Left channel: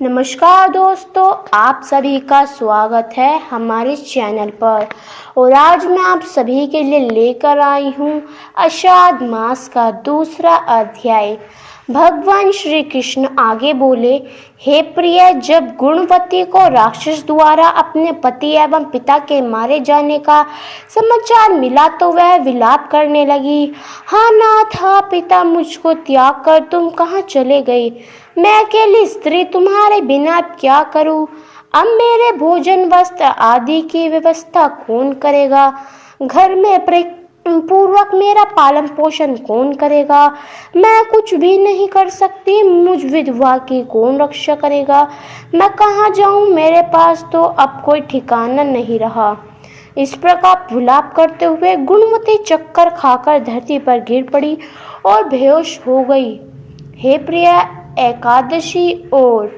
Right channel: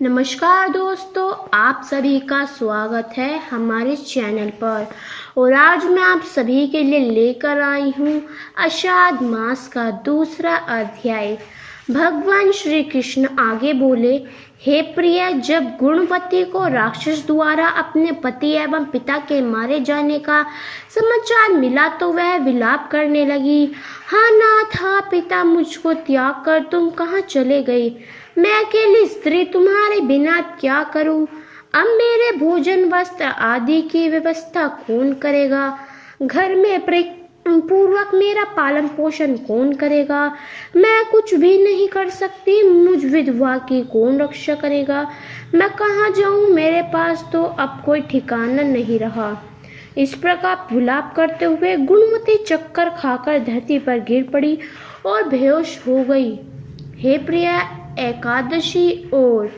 नमस्कार दोस्तों, आप सभी का स्वागत है हमारे चैनल पर। और आज मैं आप सभी के लिए लेकर आई हूँ आषाढ़ मास का दूसरा अध्याय। भगवान श्री कृष्ण आगे बोले, हे प्रिय, जब गुणवती को राक्षस द्वारा अपने पति एवं पिता के मारे जाने का समाचार मिला तो वह विलाप करने लगी। हाँ नाथ, हाँ पिता, मुझको त्याग कर तुम कहाँ चले गए? मैं अकेली स्त्री तुम्हारे बिना क्या करूं? अब मेरे भोजन वस्त्र आदि की व्यवस्था कौन करेगा? घर में पूर्वक मेरा पालन पोषण कौन करेगा? मैं कुछ भी नहीं कर सकती, मुझ विधवा की कौन रक्षा करेगा? मैं कहाँ जाऊं? मेरे पास तो अब कोई ठिकाना नहीं रहा। इस प्रकार विलाप करते हुए गुणवती चक्कर खाकर धरती पर गिर पड़ी और बेहोश हो गई। हे प्रिया, एकादशी और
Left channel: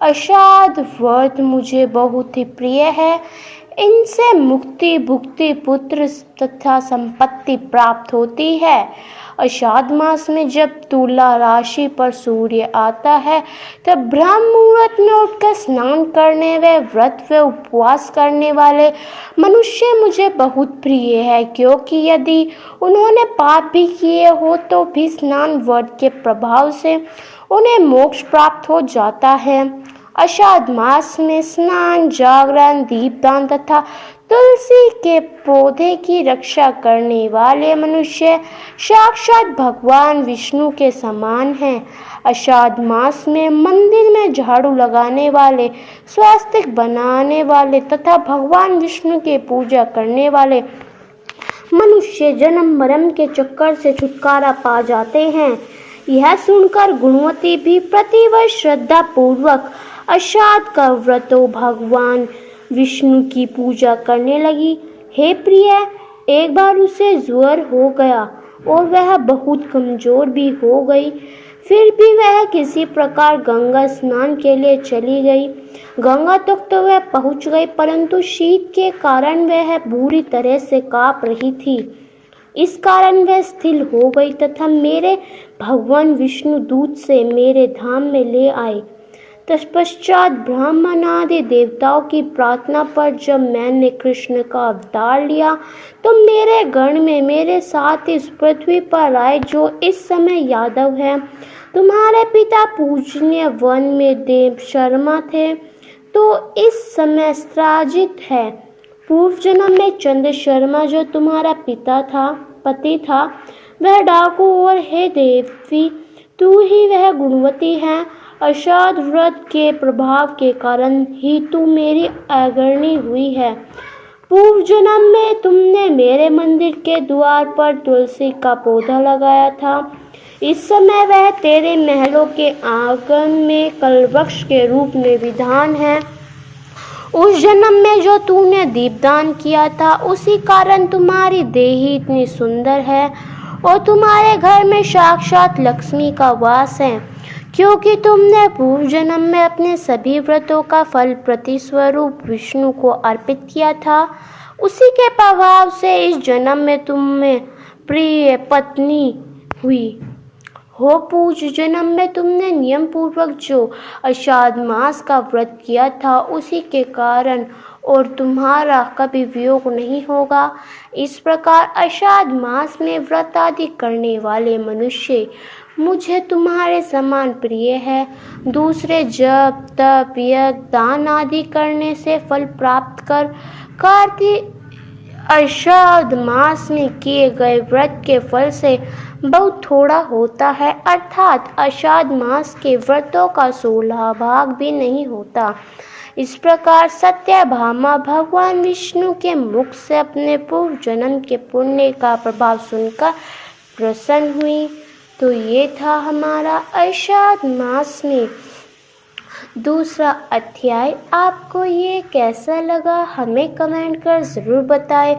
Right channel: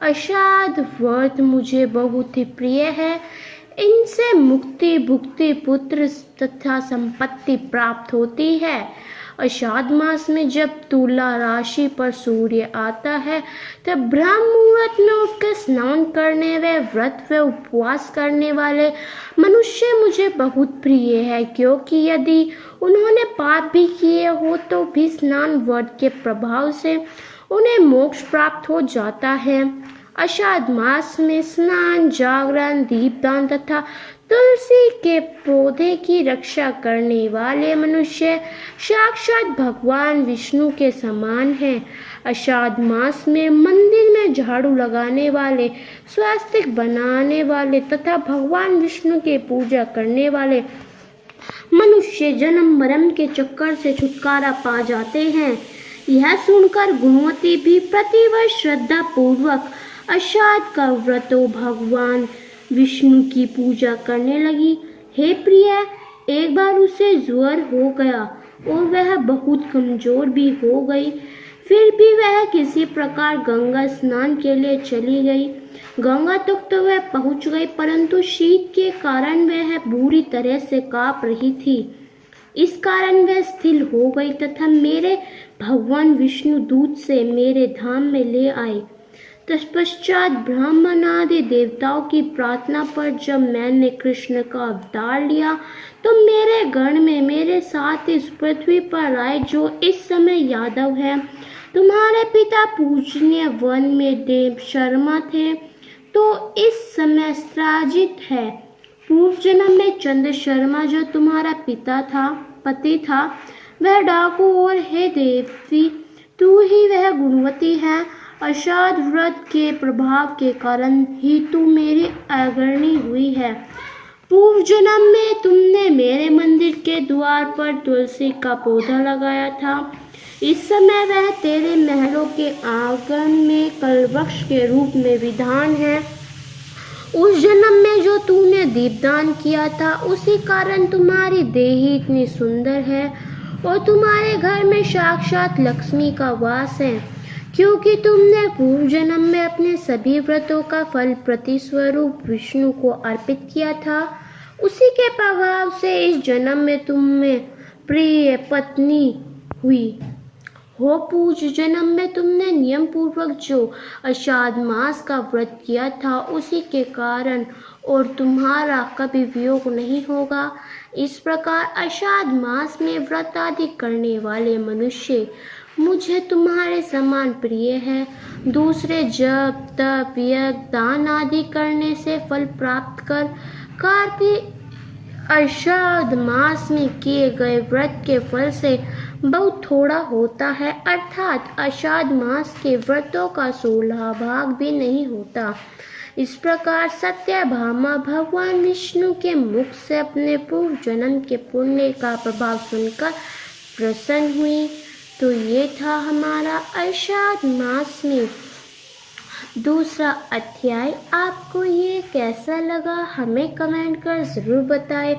आषाढ़ व्रत मुझे बहुत ही प्रिय है। इनसे मुक्ति, भुक्ति, पुत्र तथा संपत्ति प्राप्त होती है। आषाढ़ मास में जब तुला राशि पर सूर्य आता है तब ब्रह्म मुहूर्त में उठकर स्नान करने व व्रत व उपवास करने वाले मनुष्य मुझे बहुत प्रिय है, क्योंकि यदि उन्होंने पाप भी किए हो तो भी स्नान व्रत के प्रभाव से उन्हें मोक्ष प्राप्त हो जाता है। आषाढ़ मास में स्नान, जागरण, दीपदान तथा तुलसी के पौधे की रक्षा करने वाले मनुष्य साक्षात भगवान विष्णु के समान हैं। आषाढ़ मास में मंदिर में झाड़ू लगाने वाले, स्वास्तिक बनाने वाले तथा भगवान विष्णु की पूजा करने वाले मनुष्य जन्म मरण के चक्कर से छुटकारा पा जाते हैं। यह सुनकर गुणवती भी प्रतिवर्ष श्रद्धा पूर्वक आषाढ़ का व्रत भगवान विष्णु की पूजा करने लगी। हे प्रिय, एक बार उसे ज्वर हो गया और वह बहुत कमजोर भी हो गई। फिर भी वह किसी प्रकार गंगा स्नान के लिए चली गई। गंगा तक तो वह पहुंच गई, परंतु शीत के कारण वह बुरी तरह से कांप रही थी। इस कारण वह स्थिर हो गई तथा मेरे भगवान विष्णु दूत से मेरे धाम में ले आए। तत्पश्चात ब्राह्मण आदि देवताओं की प्रार्थना पर जब मैंने कृष्ण का अवतार लिया तो मेरे गण में मेरे साथ इस पृथ्वी पर आए जो इस समय यादव है। तुम्हारे पिता पूजनीय वन में देव शर्मा थे, तो इस समय स्त्राजित है। पूर्व जन्म में चंद्र शर्मा जो तुम्हारा पति था, वह डाकू, और हे देवी, तू ही वह गुणवती है। आषाढ़ व्रत के प्रभाव के कारण ही तू मेरी अग्रणी हुई है। पूर्व जन्म में तुमने मेरे मंदिर के द्वार पर तुलसी का पौधा लगाया था। इस समय वह तेरे महलों के आंगन में कलवृक्ष के रूप में विधान है। उस जन्म में जो तूने दीपदान किया था, उसी कारण तुम्हारी देही इतनी सुंदर है और तुम्हारे घर में साक्षात लक्ष्मी का वास है, क्योंकि तुमने पूर्व जन्म में अपने सभी व्रतों का फल प्रतिस्वरूप विष्णु को अर्पित किया था। उसी के प्रभाव से इस जन्म में तुम्हें प्रिय पत्नी हुई हो। पूर्व जन्म में तुमने नियम पूर्वक जो आषाढ़ मास का व्रत किया था, उसी के कारण और तुम्हारा कभी वियोग नहीं होगा। इस प्रकार आषाढ़ मास में व्रत आदि करने वाले मनुष्य मुझे तुम्हारे समान प्रिय है। दूसरे जप, तप, यज्ञ, दान आदि करने से फल प्राप्त कर कार्तिक आषाढ़ मास में किए गए व्रत के फल से बहुत थोड़ा होता है, अर्थात आषाढ़ मास के व्रतों का 16 भाग भी नहीं होता। इस प्रकार सत्यभामा भगवान विष्णु के मुख से अपने पूर्व जन्म के पुण्य का प्रभाव सुनकर प्रसन्न हुई। तो ये था हमारा आषाढ़ मास में दूसरा अध्याय। आपको ये कैसा लगा हमें कमेंट कर ज़रूर बताएं।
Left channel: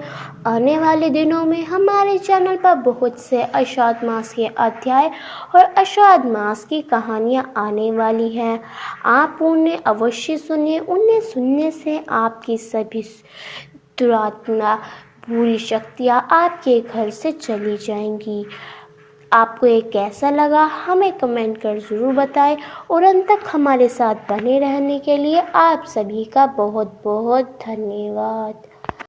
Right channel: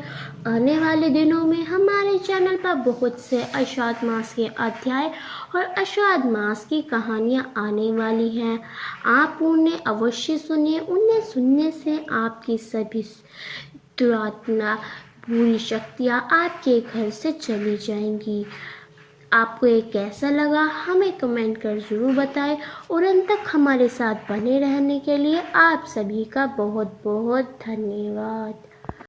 आने वाले दिनों में हमारे चैनल पर बहुत से आषाढ़ मास के अध्याय और आषाढ़ मास की कहानियाँ आने वाली हैं। आप उन्हें अवश्य सुनिए। उन्हें सुनने से आपकी सभी दुरात्मा, बुरी शक्तियाँ आपके घर से चली जाएंगी। आपको ये कैसा लगा हमें कमेंट कर ज़रूर बताएं और अंत तक हमारे साथ बने रहने के लिए आप सभी का बहुत बहुत धन्यवाद।